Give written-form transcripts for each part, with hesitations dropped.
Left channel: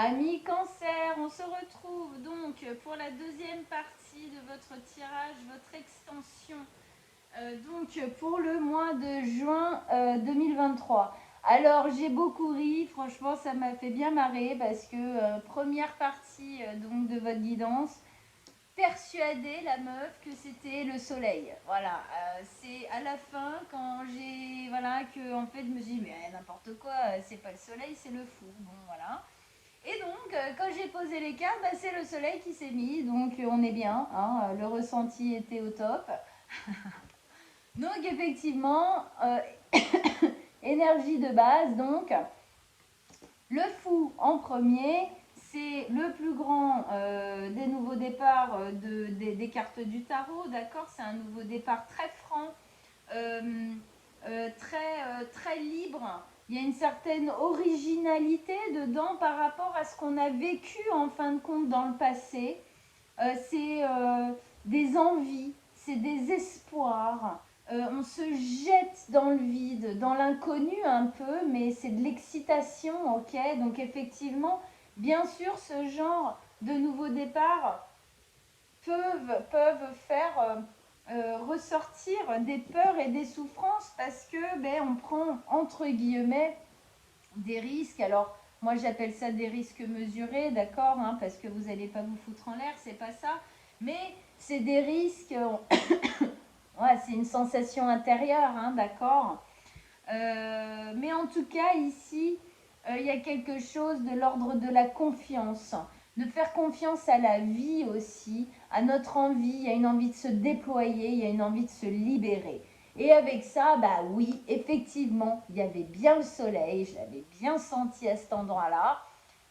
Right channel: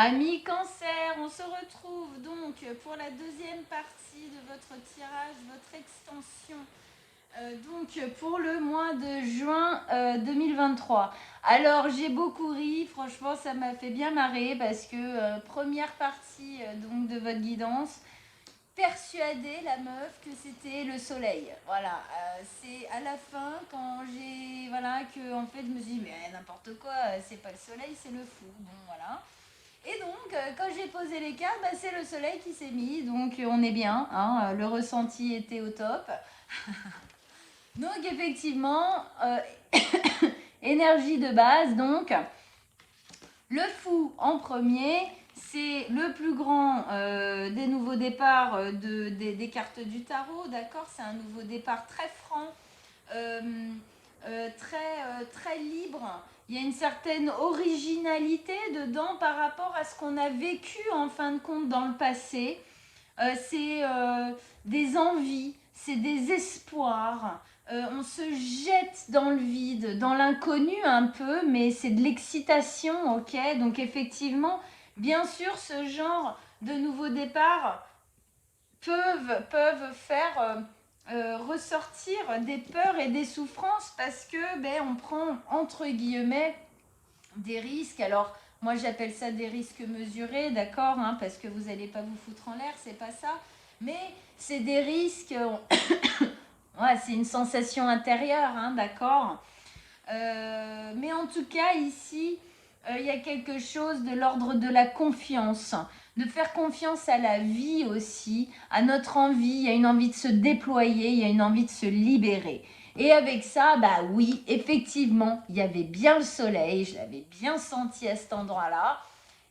Amis Cancer, on se retrouve donc pour la deuxième partie de votre tirage, votre extension, donc pour le mois de juin 2023. Alors j'ai beaucoup ri, franchement ça m'a fait bien marrer parce que première partie donc de votre guidance, persuader la meuf que c'était le soleil. Voilà, c'est à la fin quand j'ai voilà que en fait je me suis dit mais n'importe quoi, c'est pas le soleil, c'est le fou. Bon voilà. Et donc, quand j'ai posé les cartes, bah, c'est le soleil qui s'est mis, donc on est bien, hein, le ressenti était au top. Donc effectivement, énergie de base, donc le fou en premier, c'est le plus grand des nouveaux départs des cartes du tarot, d'accord. C'est un nouveau départ très franc, euh, très libre. Il y a une certaine originalité dedans par rapport à ce qu'on a vécu en fin de compte dans le passé. C'est des envies, c'est des espoirs. On se jette dans le vide, dans l'inconnu un peu, mais c'est de l'excitation, ok. Donc effectivement, bien sûr, ce genre de nouveaux départs peuvent faire ressortir des peurs et des souffrances parce que ben, on prend entre guillemets des risques. Alors moi j'appelle ça des risques mesurés, d'accord, hein, parce que vous n'allez pas vous foutre en l'air, c'est pas ça, mais c'est des risques. Ouais, c'est une sensation intérieure, hein, d'accord. Mais en tout cas, ici, il y a quelque chose de l'ordre de la confiance, de faire confiance à la vie aussi, à notre envie. Il y a une envie de se déployer, il y a une envie de se libérer. Et avec ça, bah oui, effectivement, il y avait bien le soleil, je l'avais bien senti à cet endroit-là.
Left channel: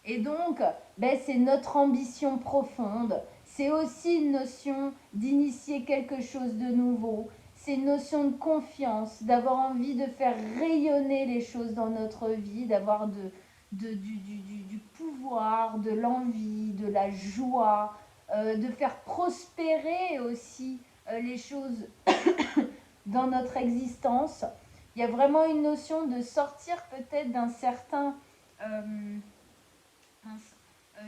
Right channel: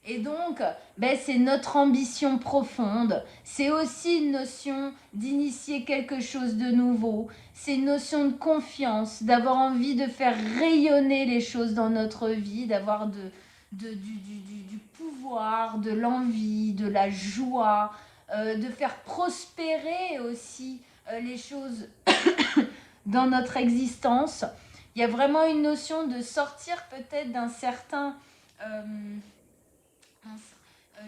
Et donc, ben, c'est notre ambition profonde. C'est aussi une notion d'initier quelque chose de nouveau. C'est une notion de confiance, d'avoir envie de faire rayonner les choses dans notre vie, d'avoir du pouvoir, de l'envie, de la joie, de faire prospérer aussi les choses dans notre existence. Il y a vraiment une notion de sortir peut-être d'un certain... mince,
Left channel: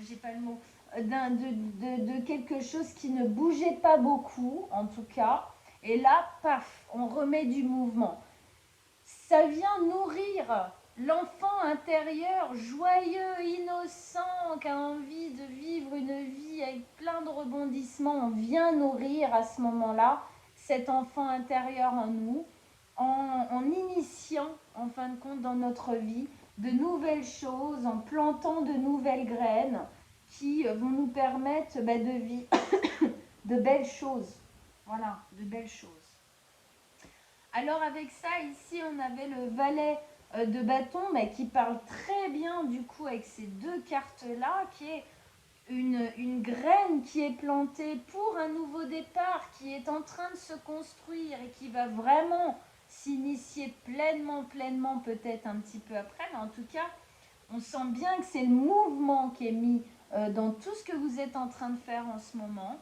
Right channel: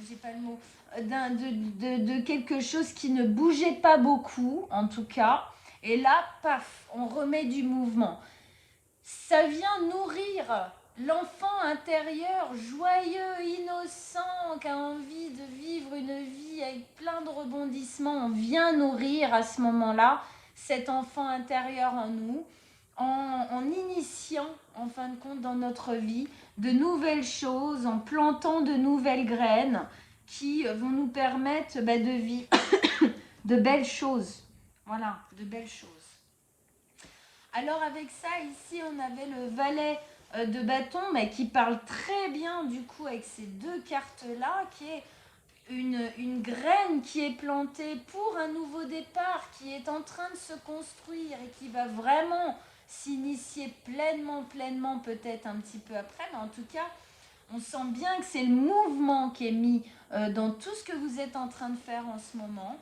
j'ai pas le mot, de quelque chose qui ne bougeait pas beaucoup, en tout cas. Et là, paf, on remet du mouvement. Ça vient nourrir l'enfant intérieur joyeux, innocent, qui a envie de vivre une vie avec plein de rebondissements. On vient nourrir à ce moment-là cet enfant intérieur en nous, en initiant, en fin de compte, dans notre vie, de nouvelles choses, en plantant de nouvelles graines qui vont nous permettre de vivre de belles choses. Voilà, de belles choses. Alors avec ça, ici, on avait le valet de bâton qui parle très bien du coup avec ces deux cartes-là, qui est une graine qui est plantée pour un nouveau départ, qui est en train de se construire et qui va vraiment s'initier pleinement, peut-être un petit peu après, mais en tout cas, on sent bien que c'est le mouvement qui est mis dans tout ce que vous êtes en train de faire en ce moment.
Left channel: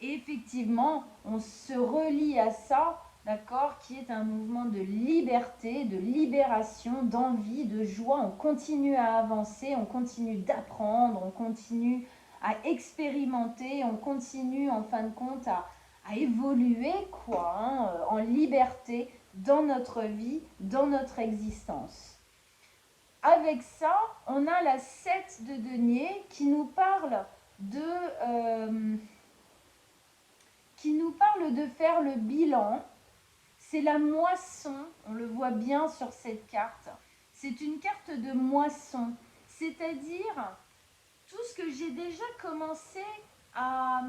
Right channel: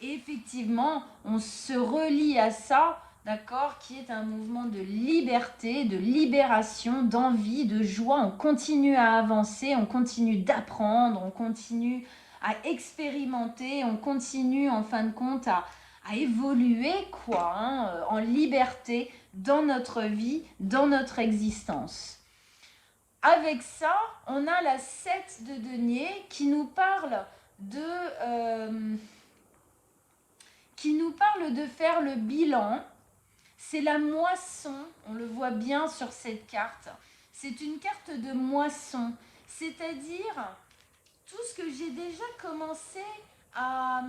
Et effectivement, on se relie à ça, d'accord, qui est un mouvement de liberté, de libération, d'envie, de joie. On continue à avancer, on continue d'apprendre, on continue à expérimenter, on continue en fin de compte à évoluer quoi, hein, en liberté dans notre vie, dans notre existence. Avec ça, on a la 7 de denier qui nous parle de... faire le bilan. C'est la moisson, on le voit bien sur cette carte. C'est une carte de moisson, c'est-à-dire tout ce que j'ai déjà commencé à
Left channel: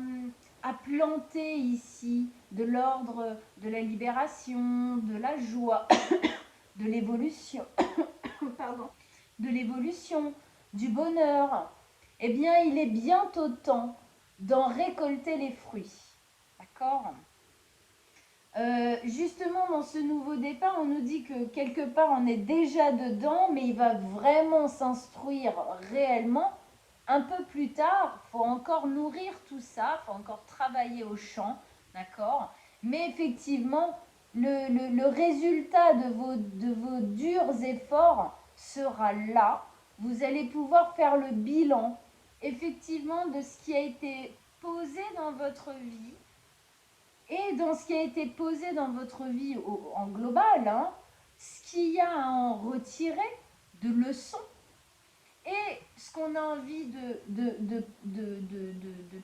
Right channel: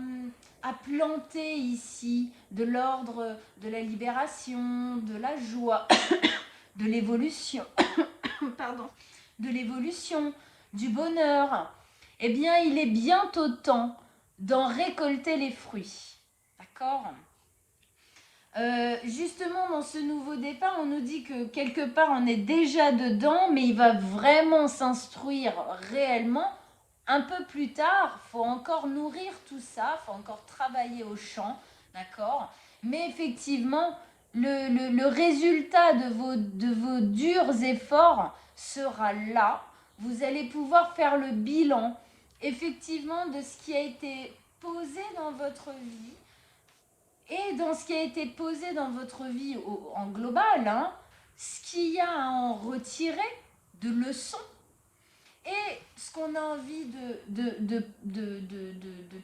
planter ici, de l'ordre de la libération, de la joie, de l'évolution, pardon, de l'évolution, du bonheur. Eh bien, il est bientôt temps d'en récolter les fruits. D'accord ? Justement, dans ce nouveau départ, on nous dit que quelque part, on est déjà dedans, mais il va vraiment s'instruire réellement un peu plus tard. Il faut encore nourrir tout ça, il faut encore travailler au champ, d'accord. Mais effectivement, le résultat de vos durs efforts sera là. vous allez pouvoir faire le bilan, effectivement, de ce qui a été posé dans votre vie et dans ce qui a été posé dans votre vie en global, hein, ce qu'il y a à en retirer de leçons et ce qu'on a envie de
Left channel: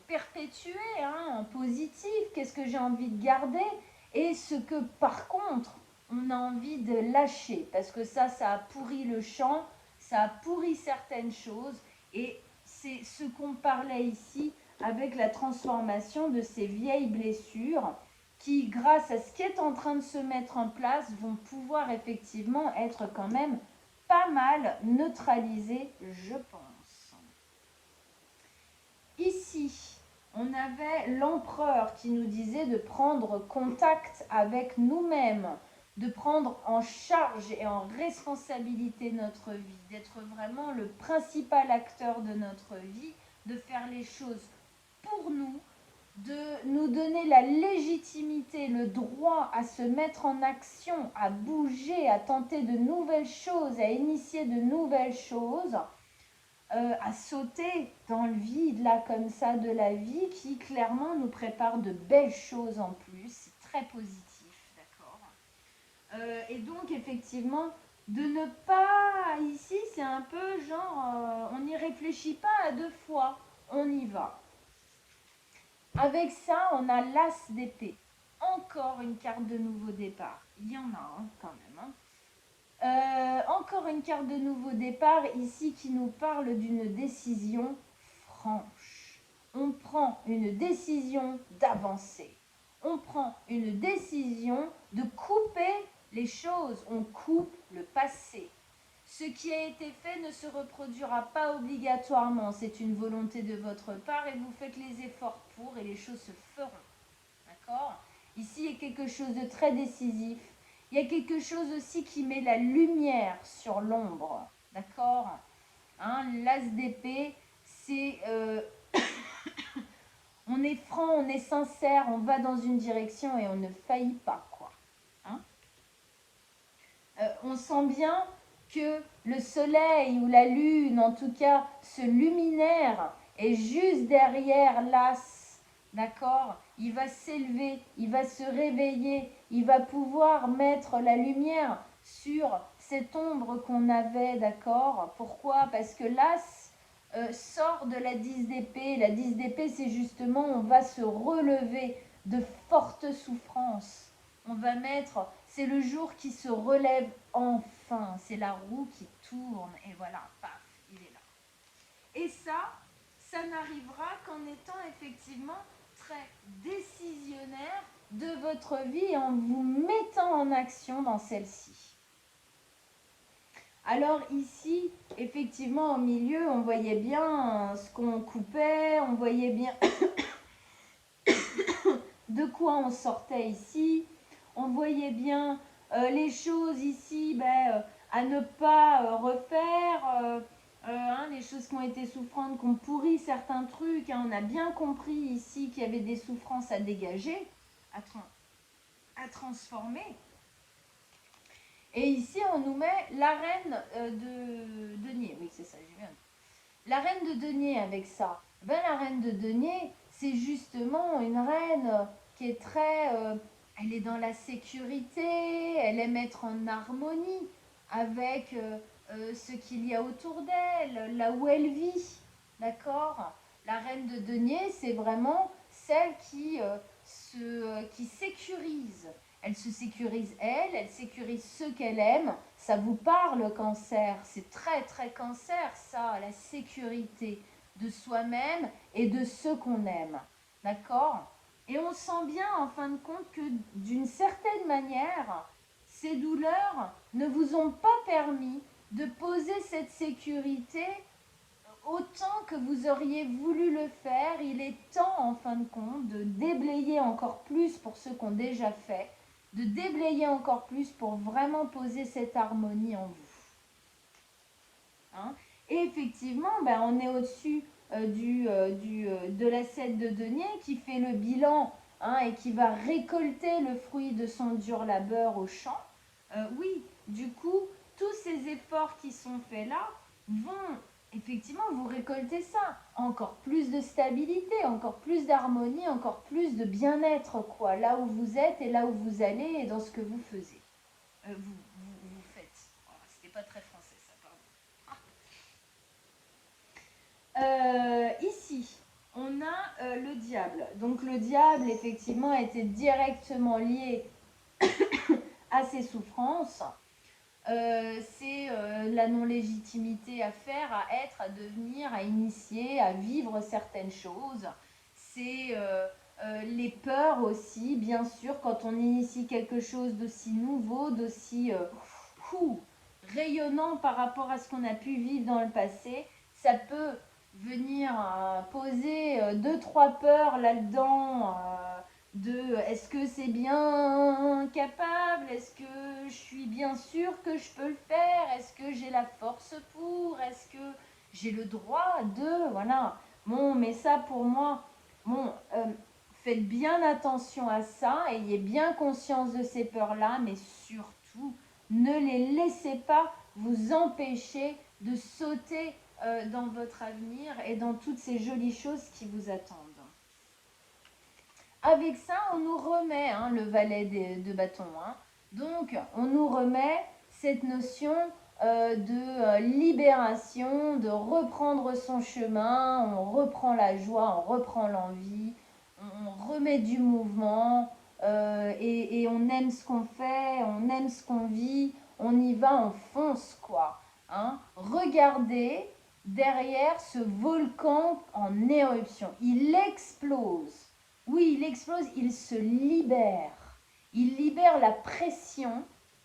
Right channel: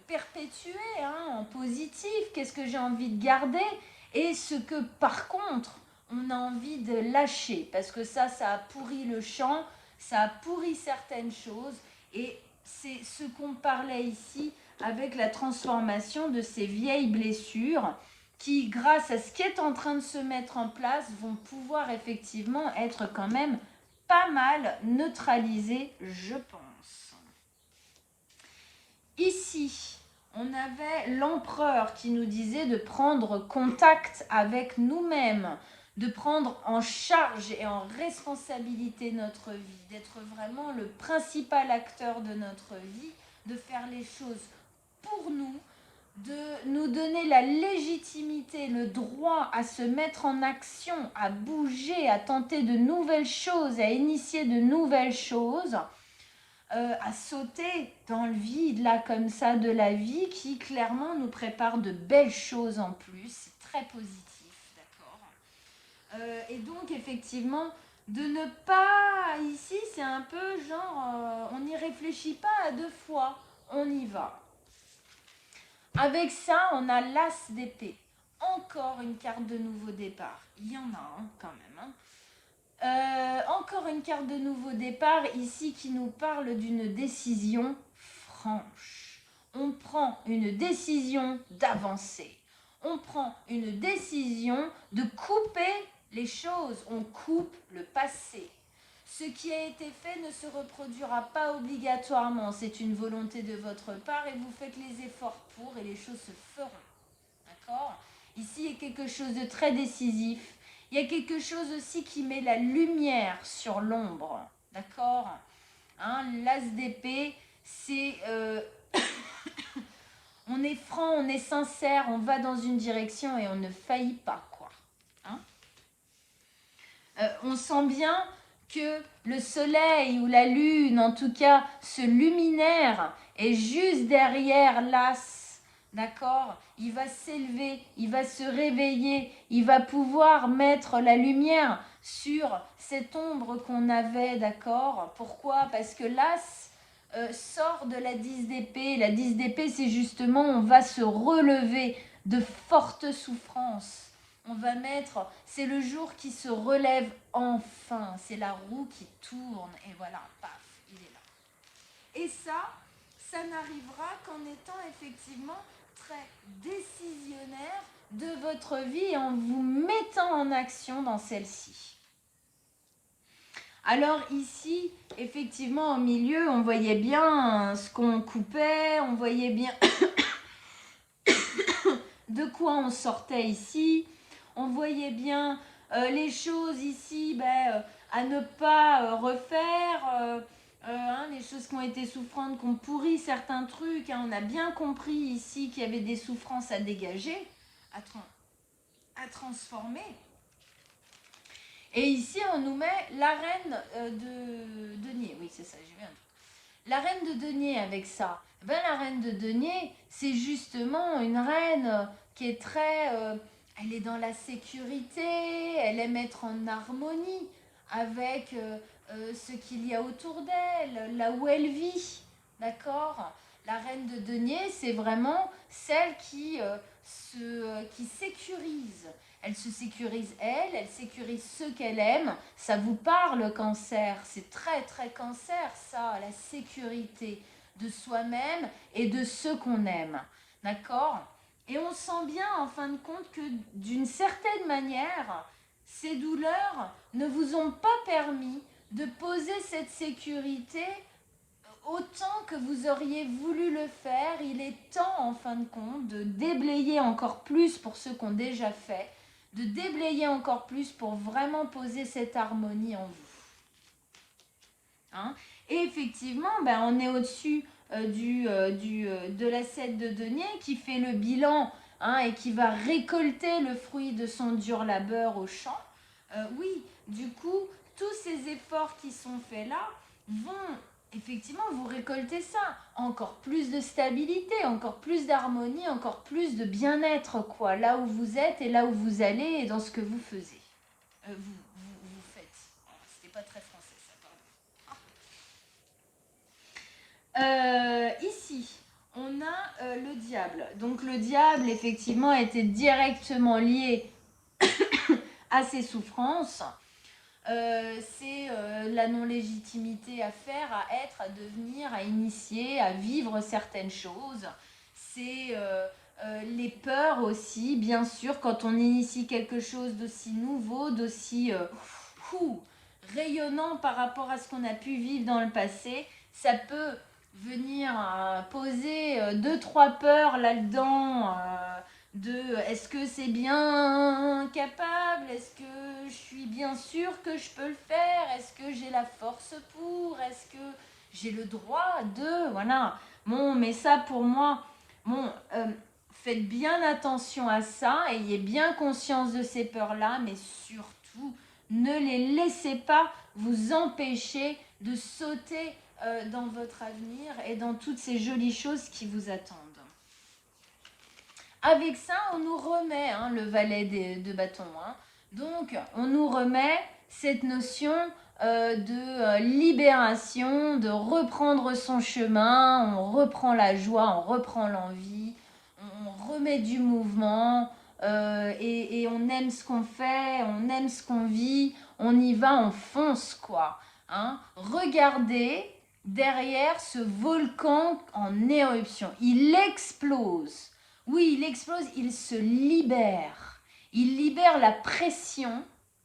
perpétuer, hein, en positif, qu'est-ce que j'ai envie de garder et ce que par contre on a envie de lâcher parce que ça a pourri le champ, ça a pourri certaines choses et c'est ce qu'on parlait ici avec la transformation de ces vieilles blessures qui, grâce à ce qui est en train de se mettre en place, vont pouvoir effectivement être quand même pas mal neutralisées, je pense. Ici, on avait l'empereur qui nous disait de prendre contact avec nous-mêmes, de prendre en charge et en responsabilité notre vie, d'être vraiment le principal acteur de notre vie, de faire les choses pour nous, de nous donner la légitimité, le droit à se mettre en action, à bouger, à tenter de nouvelles choses, à initier de nouvelles choses, à sauter dans le vide, là, comme ça, de la vie, qui clairement nous prépare de belles choses en plus. C'est très positif, d'accord. Et donc, effectivement, de ne pas, ici, c'est un peu genre, on n'y réfléchit pas à deux fois, on y va. Avec ça, on a l'as d'épée. Encore une carte de nouveau départ. Il y en a quand même. Hein. Encore une carte de nouveau départ ici qui nous parle d'une décision franche. On prend une décision d'avancer. On prend une décision de couper les choses. On coupe le passé. Ce qui a été fait ne se reproduira pas obligatoirement. C'est une volonté de votre part et vous faites les efforts pour et les choses se feront. D'accord ? Ici, il y a quelque chose de très décisif. Il y a quelque chose aussi qui met la lumière sur l'ombre. D'accord ? Hein, l'as d'épée, c'est... on est franc, on est sincère, on va dans une direction et on ne faillit pas, quoi. Hein, on sent bien que le soleil ou la lune, en tout cas ce luminaire, est juste derrière l'as, d'accord ? Il va s'élever, il va se réveiller, il va pouvoir mettre la lumière sur cette ombre qu'on avait, d'accord ? Pourquoi ? Parce que l'as sort de la 10 d'épée. La 10 d'épée, c'est justement, on va se relever de fortes souffrances. On va mettre, c'est le jour qui se relève enfin, c'est la roue qui tourne et voilà, paf, il est là. Et ça n'arrivera qu'en étant effectivement très décisionnaire de votre vie et en vous mettant en action dans celle-ci. Alors ici, effectivement, au milieu, on voyait bien ce qu'on coupait, on voyait bien de quoi on sortait ici. On voyait bien les choses ici à ne pas refaire, hein, les choses qui ont été souffrantes, qui ont pourri certains trucs. Hein, on a bien compris ici qu'il y avait des souffrances à dégager, à transformer. Et ici, on nous met la reine de denier. Oui, c'est ça, j'ai vu un truc. La reine de denier avec ça. Ben, la reine de denier, c'est justement une reine qui est très... elle est dans la sécurité, elle aime être en harmonie avec ce qu'il y a autour d'elle, là où elle vit. D'accord ? La reine de denier, c'est vraiment celle qui sécurise. Elle se sécurise elle sécurise ceux qu'elle aime. Ça vous parle, Cancer, c'est très très Cancer ça, la sécurité de soi-même et de ceux qu'on aime. D'accord ? Et on sent bien en fin de compte que d'une certaine manière, ces douleurs ne vous ont pas permis de poser cette sécurité autant que vous auriez voulu le faire. Il est temps en fin de compte de déblayer encore plus pour ceux qui ont déjà fait, de déblayer encore plus pour vraiment poser cette harmonie en vous. Hein ? Et effectivement, on est au-dessus de la 7 de denier qui fait le bilan, hein, et qui va récolter le fruit de son dur labeur au champ. Oui, du coup, tous ces efforts qui sont faits là, vont effectivement vous récolter ça. Encore plus de stabilité, encore plus d'harmonie, encore plus de bien-être, quoi. Là où vous êtes et là où vous allez et dans ce que vous faisiez. Vous faites. C'était pas très français, ça, pardon. Ici, on a le diable. Donc le diable, effectivement, était directement lié à ses souffrances. C'est la non-légitimité à faire, à être, à devenir, à initier, à vivre certaines choses. C'est les peurs aussi, bien sûr, quand on initie quelque chose d'aussi nouveau, d'aussi rayonnant par rapport à ce qu'on a pu vivre dans le passé, ça peut venir poser deux, trois peurs là-dedans. Est-ce que c'est bien capable? Est-ce que je suis bien sûre que je peux le faire? Est-ce que j'ai la force pour? Est-ce que j'ai le droit de? Voilà. Bon, mais ça pour moi, bon, faites bien attention à ça, ayez bien conscience de ces peurs-là, mais surtout, ne les laissez pas vous empêcher de sauter dans votre avenir et dans toutes ces jolies choses qui vous attendent. Avec ça, on nous remet le valet de bâton. Donc, on nous remet cette notion de libération, de reprendre son chemin, on reprend la joie, on reprend l'envie, on remet du mouvement et on aime ce qu'on fait, on aime ce qu'on vit, on y va, on fonce quoi. Regardez derrière ce volcan en éruption, il explose. Oui, il explose, il se libère. Il libère la pression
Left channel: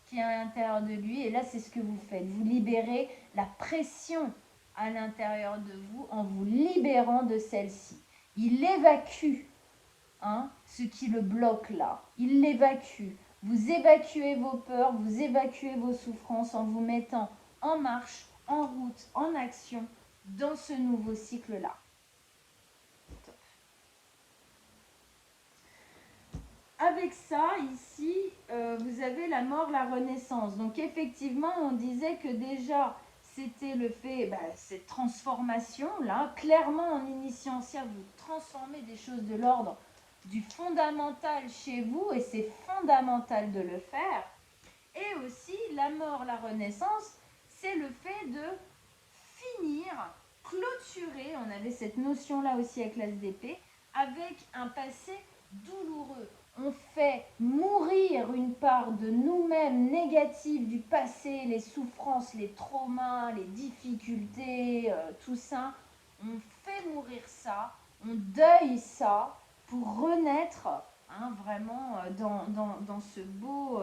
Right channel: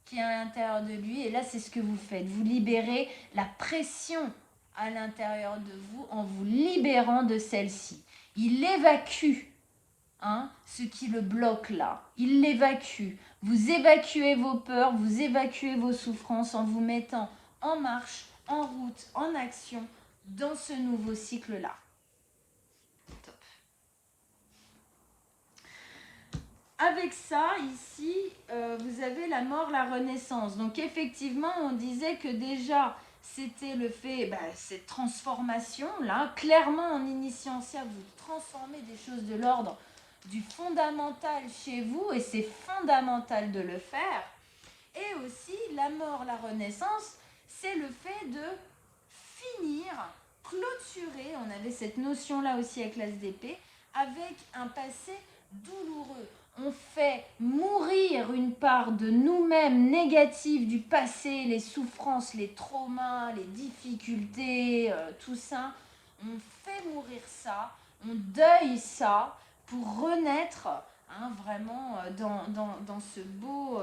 qui est à l'intérieur de lui. Et là, c'est ce que vous faites. Vous libérez la pression à l'intérieur de vous en vous libérant de celle-ci. Il évacue ce qui le bloque là. Il l'évacue. Vous évacuez vos peurs, vous évacuez vos souffrances en vous mettant en marche, en route, en action dans ce nouveau cycle-là. Avec ça, ici, vous avez la mort, la renaissance. Donc effectivement, on disait que déjà, c'était le fait, cette transformation-là. Clairement, en initiant ça, vous transformez des choses de l'ordre du fondamental chez vous, et c'est fondamental de le faire. Et aussi, la mort, la renaissance, c'est le fait de finir, clôturer, on avait cette notion-là aussi avec l'ASDP, avec un passé douloureux. On fait mourir une part de nous-mêmes négative du passé, les souffrances, les traumas, les difficultés, tout ça. On fait mourir ça, on deuille ça pour renaître vraiment dans ce beau,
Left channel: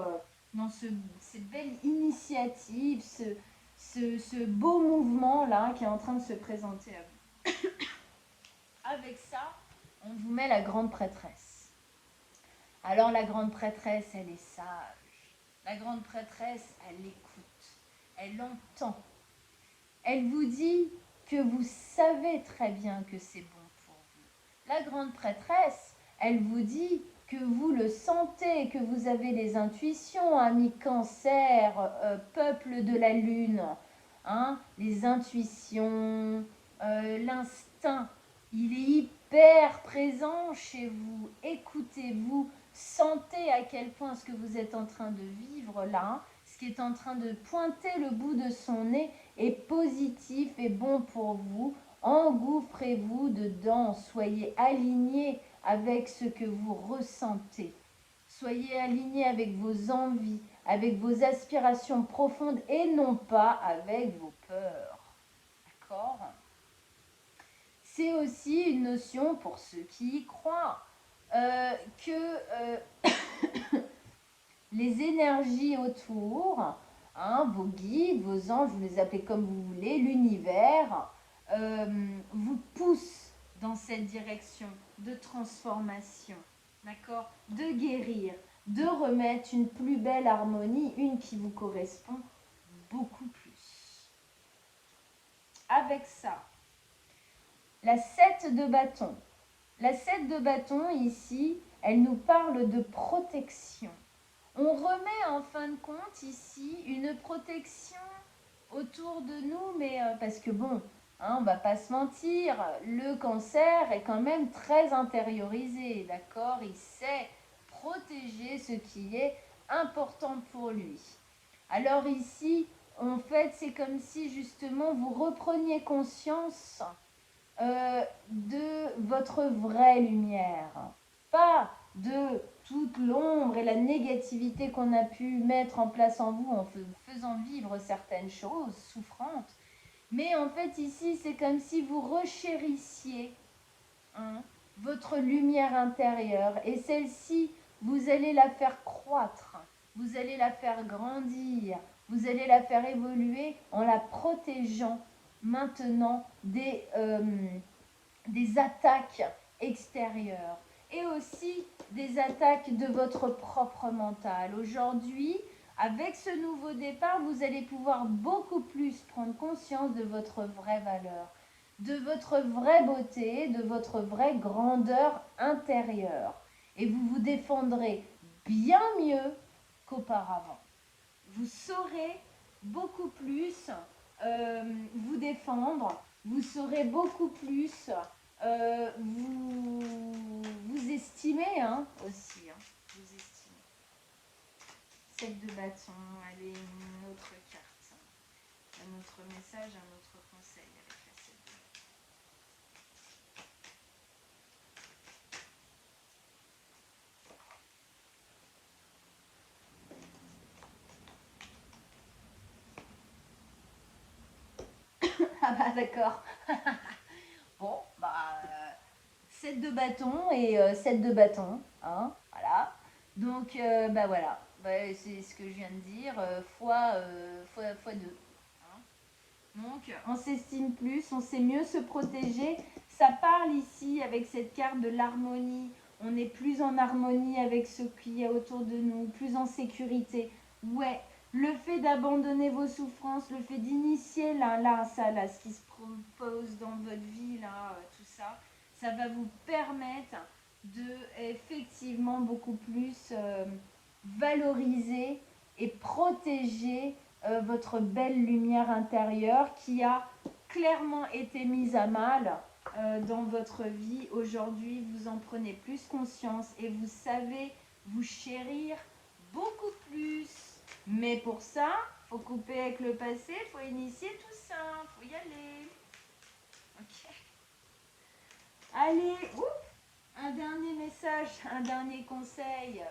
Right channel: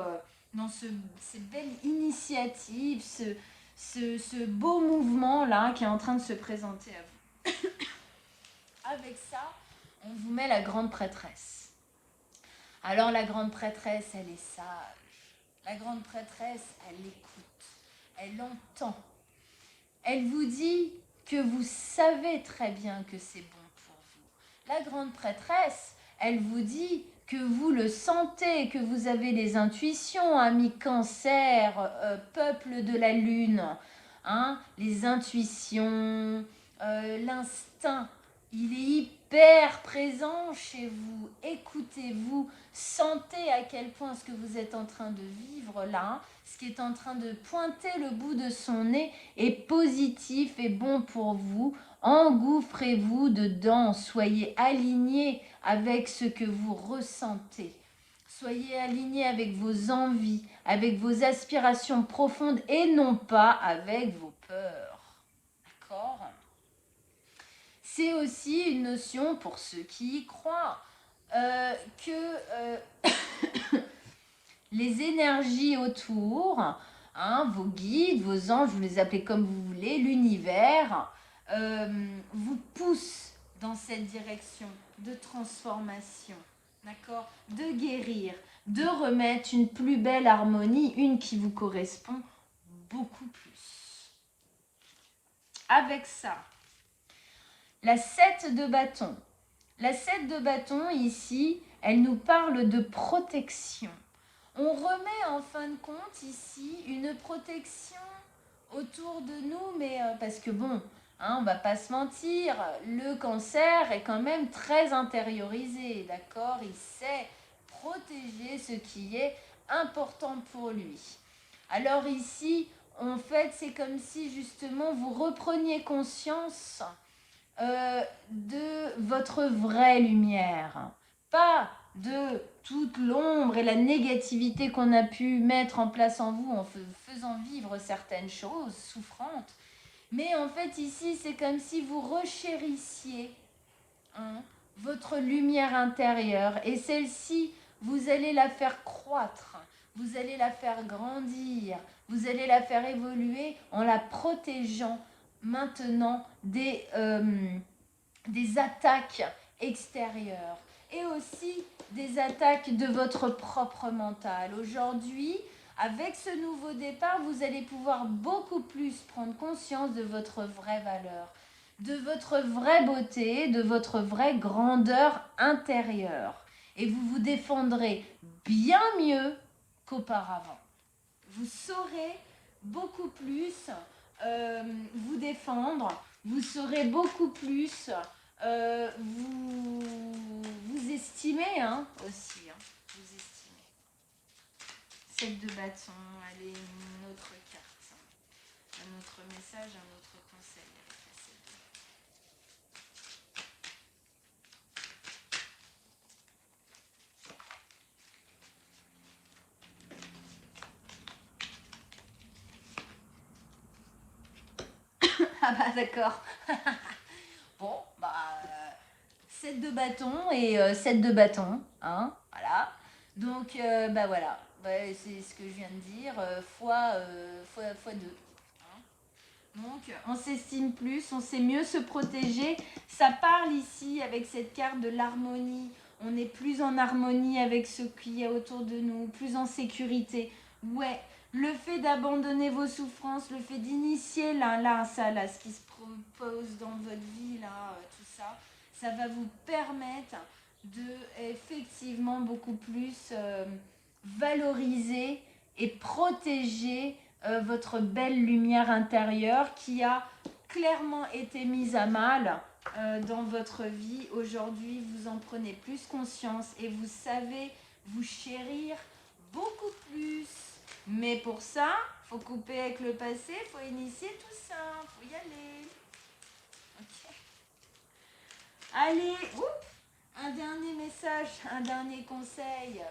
cette belle initiative, ce beau mouvement-là qui est en train de se présenter à vous. Avec ça, on vous met la grande prêtresse. Alors la grande prêtresse, elle est sage. La grande prêtresse, elle écoute. Elle entend. Elle vous dit que vous savez très bien que c'est bon pour vous. La grande prêtresse, elle vous dit que vous le sentez, que vous avez des intuitions, amis Cancer, peuple de la Lune, les intuitions, l'instinct, il est hyper présent chez vous. Écoutez-vous, sentez à quel point ce que vous êtes en train de vivre là, ce qui est en train de pointer le bout de son nez est positif et bon pour vous. Engouffrez-vous dedans, soyez alignés avec ce que vous ressentez. Soyez alignés avec vos envies, avec vos aspirations profondes et non pas avec vos peurs. D'accord ? C'est aussi une notion pour ceux qui y croient que les énergies autour, vos guides, vos anges, vous les appelez comme vous voulez, l'univers, vous poussent dans cette direction de transformation, d'accord, de guérir, de remettre une plus belle harmonie, une qui vous correspond beaucoup plus. Avec ça, la 7 de bâton. La 7 de bâton, ici, elle nous parle de protection. On remet en fin de compte ici une protection autour de nous, mais parce que bon, hein, on va pas se mentir, le cancer est quand même très intériorisé, d'accord? Il sait protéger ce qui est important pour lui. Alors ici, en fait, c'est comme si justement vous repreniez conscience de votre vraie lumière, pas de toute l'ombre et la négativité qu'on a pu mettre en place en vous en faisant vivre certaines choses souffrantes. Mais en fait, ici, c'est comme si vous rechérissiez, hein, votre lumière intérieure. Et celle-ci, vous allez la faire croître, vous allez la faire grandir, vous allez la faire évoluer en la protégeant maintenant des attaques extérieures et aussi des attaques de votre propre mental. Aujourd'hui, avec ce nouveau départ, vous allez pouvoir beaucoup plus prendre conscience de votre vraie valeur, de votre vraie beauté, de votre vraie grandeur intérieure. Et vous vous défendrez bien mieux qu'auparavant. Vous saurez beaucoup plus vous défendre, vous saurez beaucoup plus vous estimer, hein, aussi. Hein, vous estimer. 7 de bâton, allez, une autre carte. Un autre message, un autre conseil avec la 7 de bâton. Ah bah d'accord. Bon, bah 7 de bâton et 7 de bâton, hein, voilà. Donc bah voilà, bah, c'est ce que je viens de dire, fois 2. Donc, on s'estime plus, on sait mieux se protéger. Ça parle ici avec cette carte de l'harmonie. On est plus en harmonie avec ce qui est autour de nous, plus en sécurité. Ouais, le fait d'abandonner vos souffrances, le fait d'initier ce qui se propose dans votre vie, là, tout ça, ça va vous permettre de effectivement beaucoup plus valoriser et protéger votre belle lumière intérieure qui a clairement été mise à mal dans votre vie. Aujourd'hui, vous en prenez plus conscience et vous savez vous chérir beaucoup plus. Mais pour ça, faut couper avec le passé, faut initier tout ça, faut y aller. Ok. Allez, un dernier message, un dernier conseil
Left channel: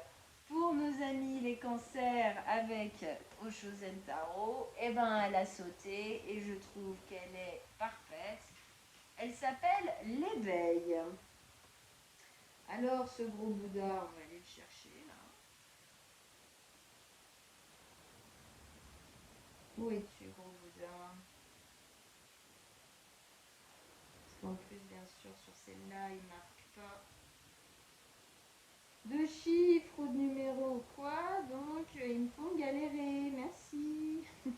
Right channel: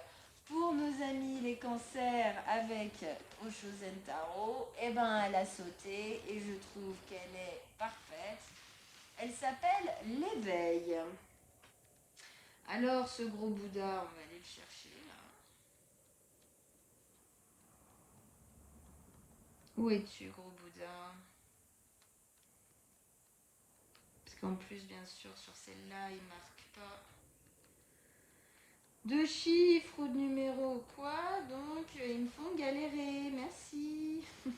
pour nos amis les cancers avec Oshozen Taro. Eh ben, elle a sauté et je trouve qu'elle est parfaite. Elle s'appelle l'éveil. Alors, ce gros Bouddha, on va aller le chercher là. Où es-tu, gros Bouddha? Parce qu'en plus, bien sûr, sur celle-là, il marque pas de chiffres ou de numéros ou quoi, donc ils me font galérer. Merci. C'est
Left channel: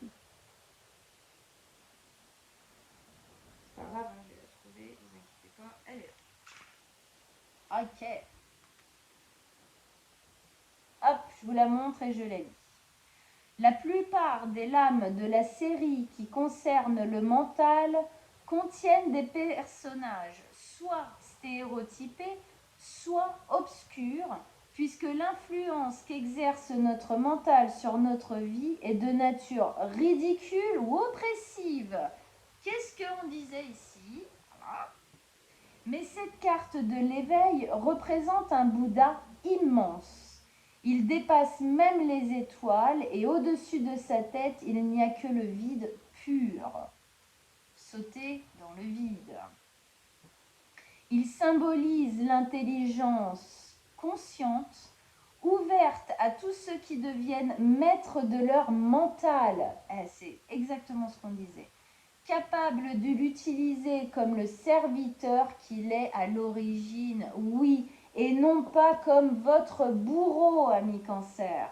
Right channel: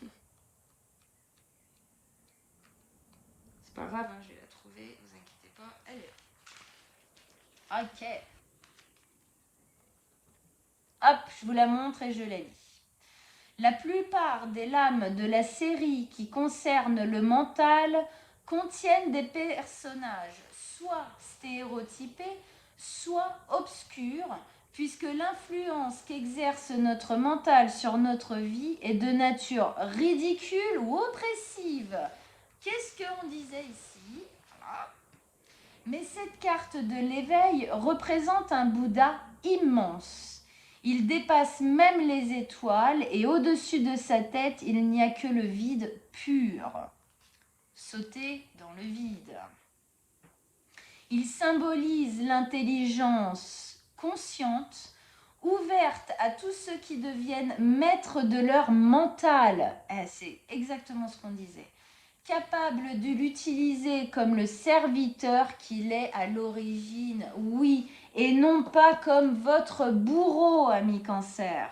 pas grave, hein, je vais la trouver, vous inquiétez pas, elle est là. Ok. Hop, je vous la montre et je la lis. La plupart des lames de la série qui concernent le mental contiennent des personnages soit stéréotypés, soit obscurs, puisque l'influence qu'exerce notre mental sur notre vie est de nature ridicule ou oppressive. Qu'est-ce qu'on disait ici? Voilà. Mais cette carte de l'éveil représente un Bouddha immense. Il dépasse même les étoiles et au-dessus de sa tête, il n'y a que le vide pur. Sauter dans le vide. Il symbolise l'intelligence consciente, ouverte à tous ceux qui deviennent maîtres de leur mental. C'est exactement ce qu'on disait. Capable de l'utiliser comme le serviteur qu'il est à l'origine, oui, et non pas comme votre bourreau, ami Cancer.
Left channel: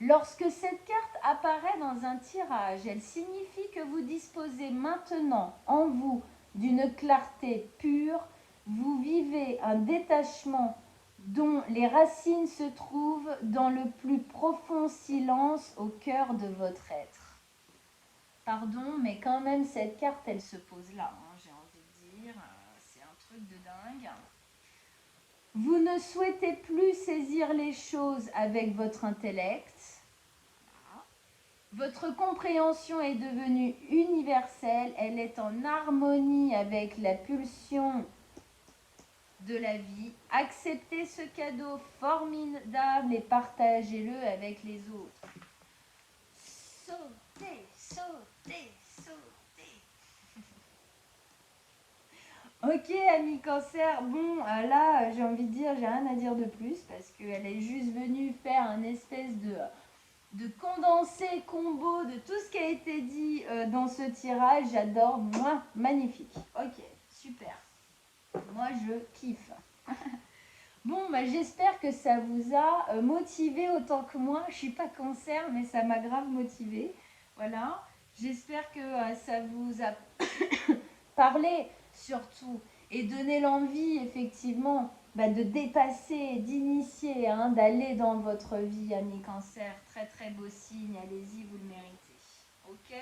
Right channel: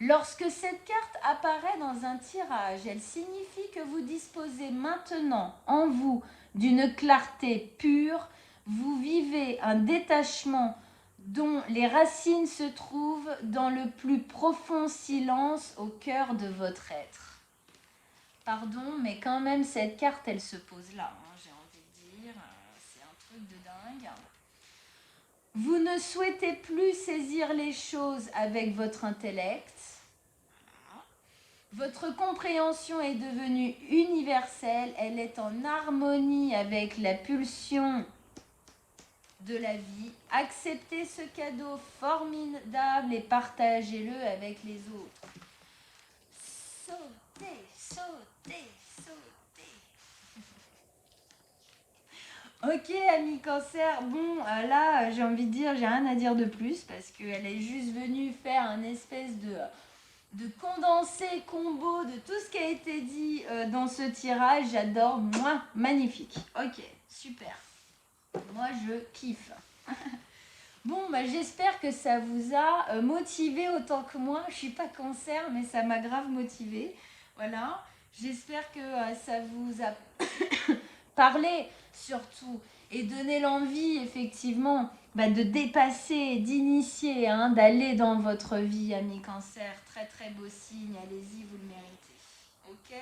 Lorsque cette carte apparaît dans un tirage, elle signifie que vous disposez maintenant en vous d'une clarté pure, vous vivez un détachement dont les racines se trouvent dans le plus profond silence au cœur de votre être. Pardon, mais quand même, cette carte, elle se pose là, hein, j'ai envie de dire. C'est un truc de dingue. Vous ne souhaitez plus saisir les choses avec votre intellect. Votre compréhension est devenue universelle. Elle est en harmonie avec la pulsion de la vie. Acceptez ce cadeau formidable et partagez-le avec les autres. Sautez, sautez, sautez. Ok, ami cancer. Bon, là, j'ai envie de dire, j'ai rien à dire de plus parce qu'elle est juste venue faire un espèce de condensé combo de tout ce qui a été dit dans ce tirage. J'adore, moi, magnifique. Ok, super. Moi, je kiffe. Bon, bah, j'espère que ça vous a motivé autant que moi. Je suis pas cancer, mais ça m'a grave motivé. Voilà. J'espère que ça vous a parlé surtout et donné l'envie, effectivement, bah, de dépasser, d'initier, hein, d'aller dans votre vie, ami cancer. Très, très beau signe. Allez-y, vous le méritez. Ok ?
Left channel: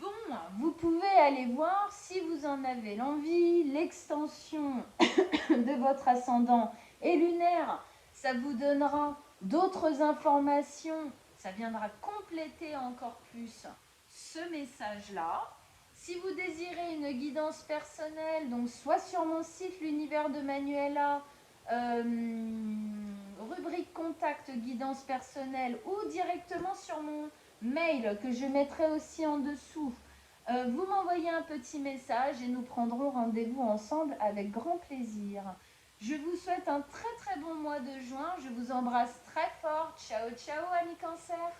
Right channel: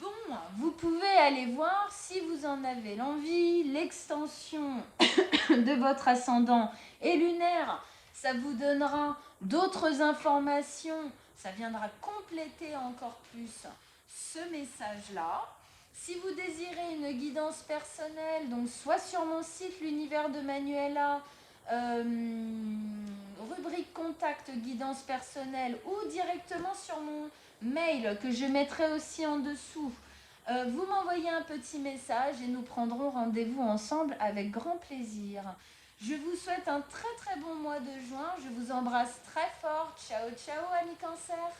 Bon, vous pouvez aller voir si vous en avez l'envie, l'extension de votre ascendant et lunaire, ça vous donnera d'autres informations, ça viendra compléter encore plus ce message-là. Si vous désirez une guidance personnelle, donc soit sur mon site l'univers de Manuela, rubrique contact guidance personnelle ou directement sur mon mail que je mettrai aussi en dessous. Vous m'envoyez un petit message et nous prendrons rendez-vous ensemble avec grand plaisir. Je vous souhaite un très très bon mois de juin. Je vous embrasse très fort. Ciao ciao, amis cancer.